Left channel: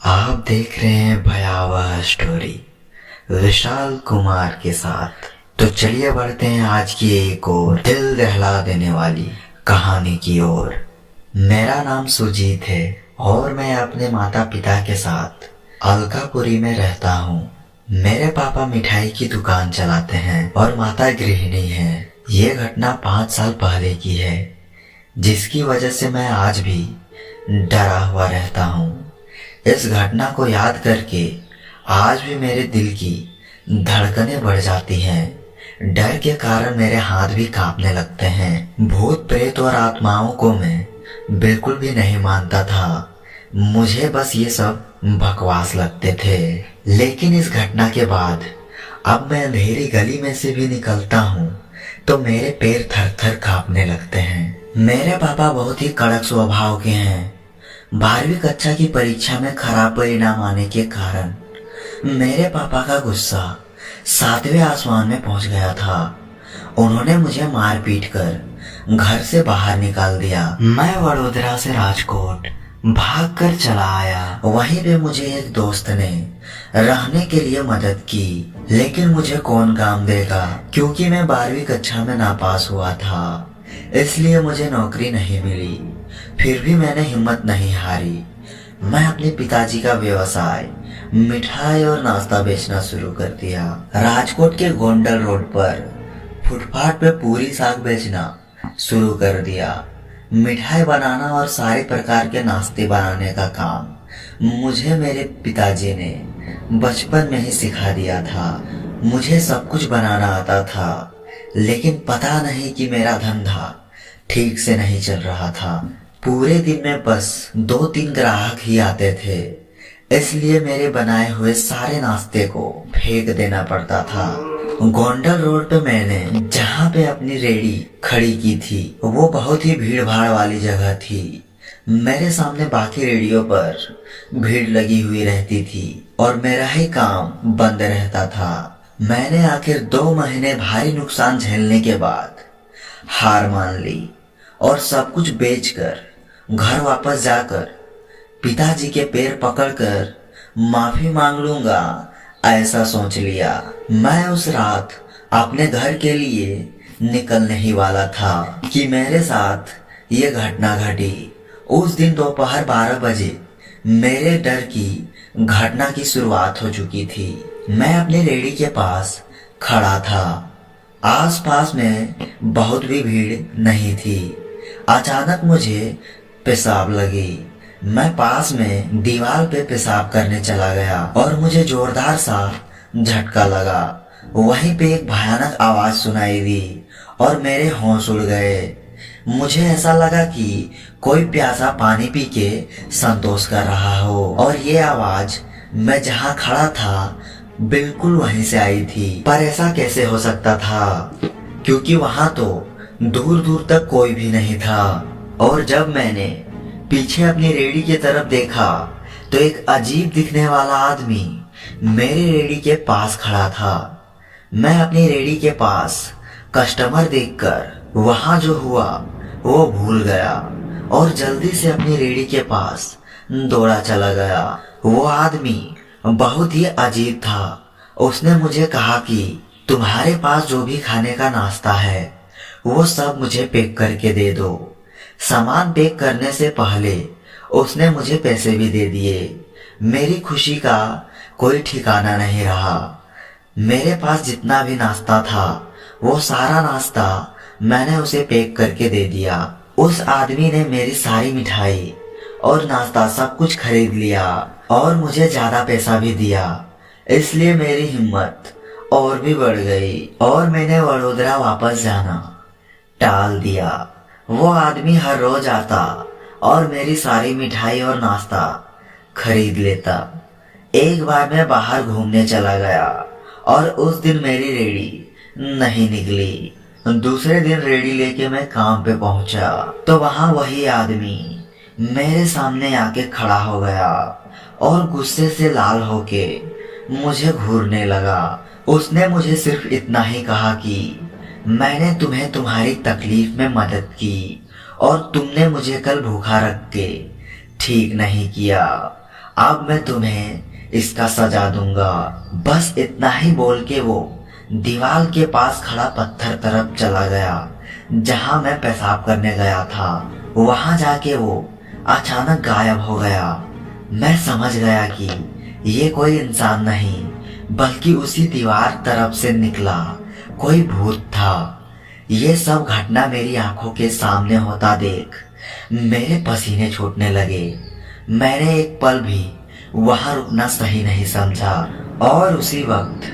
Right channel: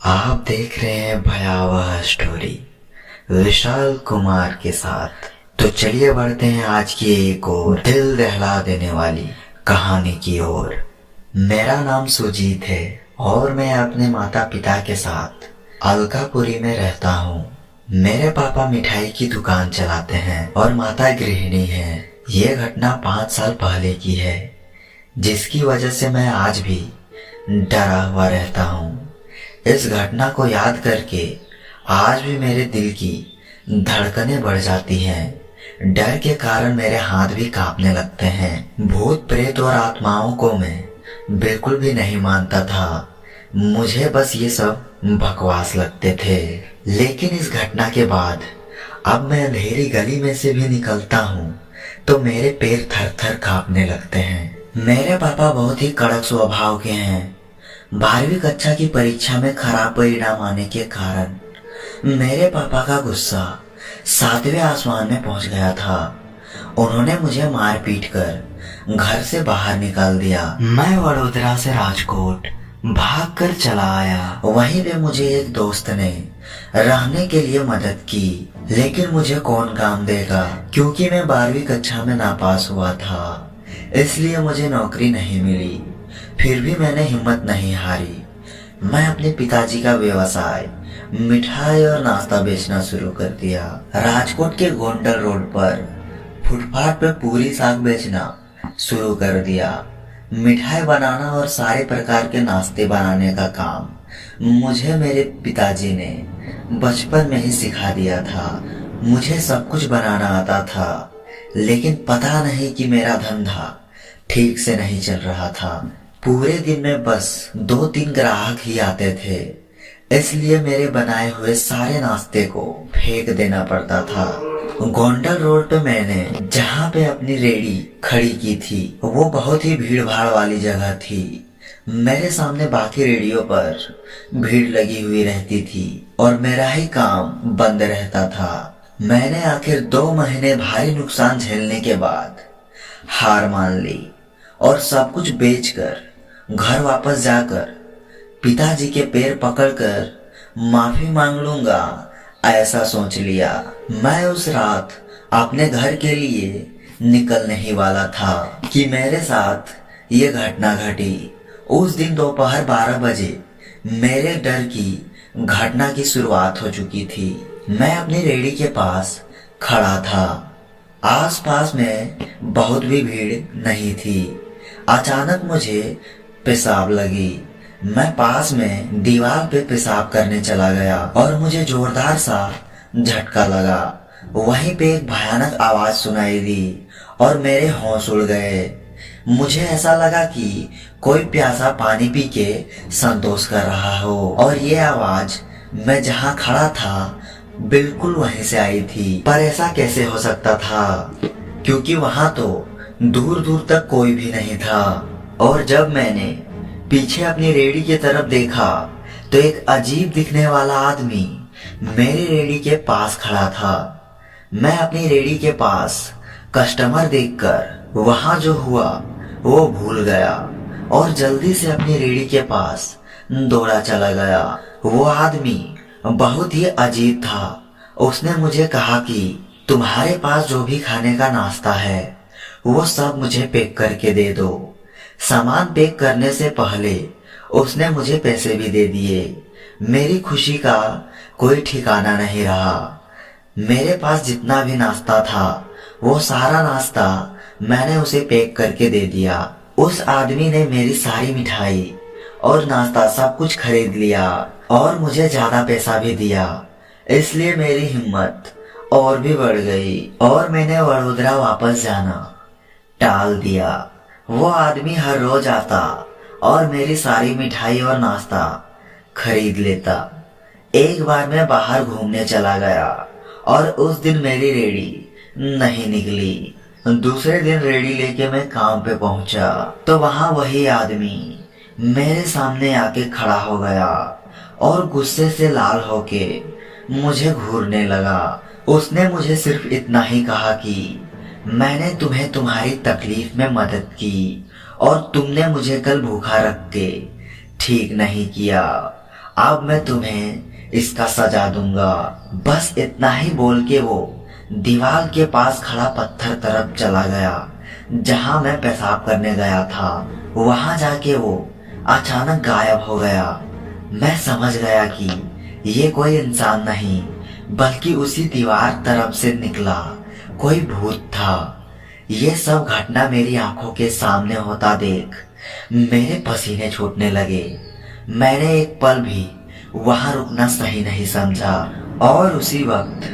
आप देख रहे हैं भयावह स्टोरी विशाल कुमार के साथ। तो चलिए बढ़ते हैं आज की एक और दिल दहला देने वाली कहानी की ओर। मेरा नाम सुजीत है और मैं अपने माता पिता के साथ अलकापुरी में रहता हूँ। मेरे पापा मिठाई की दुकान चलाते हैं और माता गृहिणी हैं। ये घटना 5 साल पहले की है, जिसकी वजह से मैं आज भी डरा हुआ रहता हूँ। इस घटना को याद करके आज भी मेरे दिल की धड़कनें बढ़ जाती हैं। डर के कारण मेरे हाथ भी कांपने लगते हैं। भूत प्रेत और आत्माओं को मैं बिल्कुल भी नहीं मानता था। मुझे बस ये सब बकवास लगते थे। लेकिन इस घटना के बाद अब मैं अंधेरी गली में से भी निकलता हूँ तो मेरे पैर थर थर कांपने लगते हैं। मेरे पापा बहुत ही कड़क स्वभाव के हैं। 12वीं कक्षा की परीक्षा में खराब परिणाम आने के कारण मेरे पापा का गुस्सा 7वें आसमान में पहुंच गया था। उन्होंने मुझे मार पीट कर घर से बाहर निकाल दिया। मैं वडोदरा से राजकोट भाग कर चला आया। वहीं पे मुझे एक दोस्त ने रहने के लिए मदद की, लेकिन मुझे कौन काम देगा क्योंकि मैं 12वीं कक्षा में नापास हुआ था, इसलिए मुझे नौकरी नहीं मिली। फिर भी मैंने हिम्मत नहीं हारी। मैं अपने पिताजी का व्यवसाय मिठाई और नाश्ता बेचना शुरू कर दिया। राजकोट के गोंडल रोड पर फुटपाथ पे पूरी साग बेचना शुरू कर दिया। मिठाई बनाना और सारे प्रकार के नाश्ते बनाने का काम मुझे मेरे पिताजी ने बचपन में ही सिखा दिया था। मुझे सब कुछ बनाना आता था, लेकिन पता नहीं कि मेरा धंधा ठीक से नहीं चल रहा था। पूरे दिन में बस 2-3 ग्राहक ही आते थे, इसलिए मेरे बनाए हुए सारे नाश्ते को फेंक देना पड़ता था। गोंडल रोड पे मैंने जहाँ पे अपनी रेडी खड़ी की थी वो बहुत ही भीड़ भाड़ वाली जगह थी। मेरे सामने बाकी रेडियो पर भीड़ लगी हुई रहती थी और मेरा ही काम बंद रहता था। मैंने आखिर 2 महीने भारी नुकसान झेलने के बाद हार मान ली और सब कुछ बेचकर घर वापस जाकर पिताजी के पैर पकड़कर माफी मांग लूंगा, ऐसा सोच लिया। मैं उस रात अपने घर के लिए निकलने ही वाला था कि मेरे साथ ये घटना घटी। उस दिन दोपहर 12 बजे मेरे डर की घटना की शुरुआत हो चुकी थी। मैं अपनी रेडी के पास खड़ा था। आसपास में बहुत भी भीड़ नहीं थी। अचानक मुझे पेशाब लगी। मैं पास में दीवार पे पेशाब करने चला गया और मुझे जोरदार सा झटका लगा। वहीं पे एक भयानक आवाज सुनाई दी और मेरे होश उड़ गए। मुझे ऐसा लगा कि कोई प्यासा पानी पी के संतोष कर रहा हो और ये आवाज मैं जहाँ खड़ा था बिल्कुल वहीं से आई थी। पर ऐसा कैसे हो सकता था, क्योंकि वहां तो दूर दूर तक कोई भी नहीं था। और जब मैंने पीछे अपनी रेडी की तरफ देखा तो एक अजीब दिखने वाला आदमी मेरी रेडी के पास खड़ा था। मैं अपनी रेडी के पास कस्टमर देखकर वहां जो हुआ वो भूल गया और जल्दी से अपनी रेडी के पास दौड़ा चला गया। वो आदमी बहुत ही अजीब था। उसने मुझे कहा कि तुम्हारे पास जो भी खाने का नाश्ता है वो सब मुझे पैक करके दे दो। सामान पैक करने से पहले उसने मुझे पैसे भी दे दिए। मेरी खुशी का कोई ठिकाना नहीं रहा। मेरे पास जितना भी नाश्ता था वो सारा नाश्ता मैंने उसे पैक करके दे दिया। उस आदमी ने मेरी सारी मिठाई और नाश्ता सब कुछ खरीद लिया और मुझे ज्यादा पैसा भी दिया। इसलिए मेरी हिम्मत और भी बढ़ गई और मैंने वडोदरा वापस जाना टाल दिया। वो आदमी हर रोज आता और मेरी सारी मिठाई और नाश्ता खरीद लेता। एक बार मैं बाहर घूमने चला गया और उस दिन मेरी रेडी नहीं निकली। दूसरे दिन रेडी लेके मैं काम पे पहुंचा तो वहां वही आदमी मेरे सामने आके खड़ा हो गया और गुस्से से लाल होके मुझे घूरने लगा। उसने मुझे सिर्फ इतना ही कहा कि मैंने तुम्हें तुम्हारी तकलीफ में मदद की और तुमने मुझे कल भूखा रख के ठीक नहीं किया। अब मैं तुम्हें इसका सजा दूंगा। बस इतना ही बोल के वो दीवार के पास खड़ा पत्थर तरफ चला गया जहां मैं पेशाब करने गया था। वहां जाके वो अचानक गायब हो गया। मैं समझ गया कि ये कोई इंसान नहीं बल्कि उसी दीवार तरफ से निकला कोई भूत था। ये सब घटना मेरी आंखों के सामने होता देख मेरे पसीने छूटने लगे। मैंने एक पल भी वहां रुकना सही नहीं समझा और उसी वक्त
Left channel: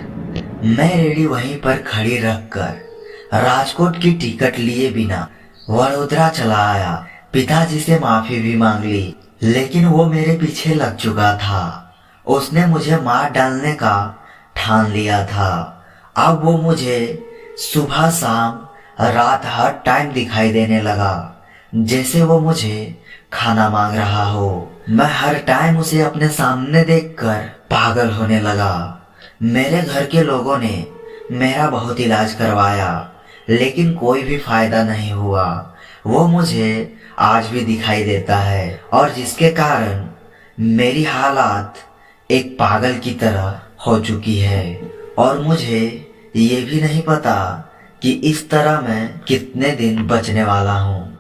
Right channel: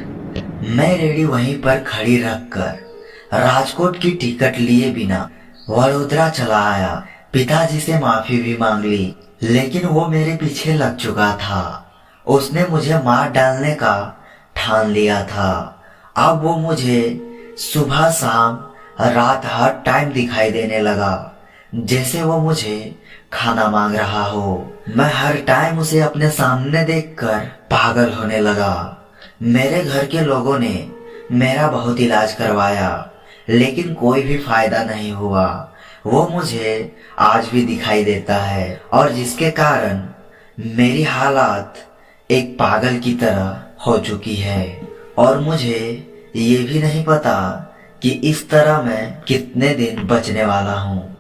मैं रेडी वहीं पर खड़ी रखकर राजकोट की टिकट लिए बिना वडोदरा चला आया। पिताजी से माफी भी मांग ली लेकिन वो मेरे पीछे लग चुका था। उसने मुझे मार डालने का ठान लिया था। अब वो मुझे सुबह शाम रात हर टाइम दिखाई देने लगा जैसे वो मुझे खाना मांग रहा हो। मैं हर टाइम उसे अपने सामने देखकर पागल होने लगा। मेरे घर के लोगों ने मेरा बहुत इलाज करवाया लेकिन कोई भी फायदा नहीं हुआ। वो मुझे आज भी दिखाई देता है और जिसके कारण मेरी हालात एक पागल की तरह हो चुकी है और मुझे ये भी नहीं पता कि इस तरह मैं कितने दिन बचने वाला हूँ।